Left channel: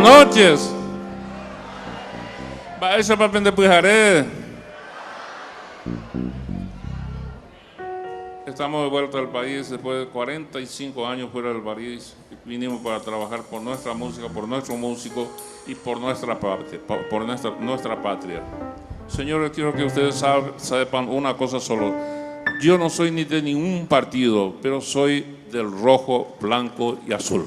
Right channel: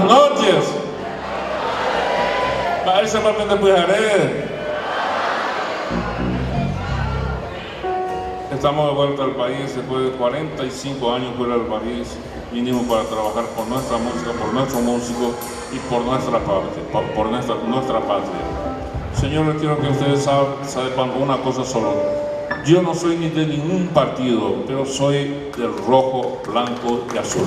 noches. Ay, se va a prender Pujared. Estamos de vuelta al país después de 45 años fuera del país. Vinimos para trabajar por nuestra música, por nuestros músicos y por nuestra patria, por nuestra patria. Señores, quiero que ustedes sepan una cosa solo. Yo no soy ni de ningún partido, pero soy del rojo, blanco y azul.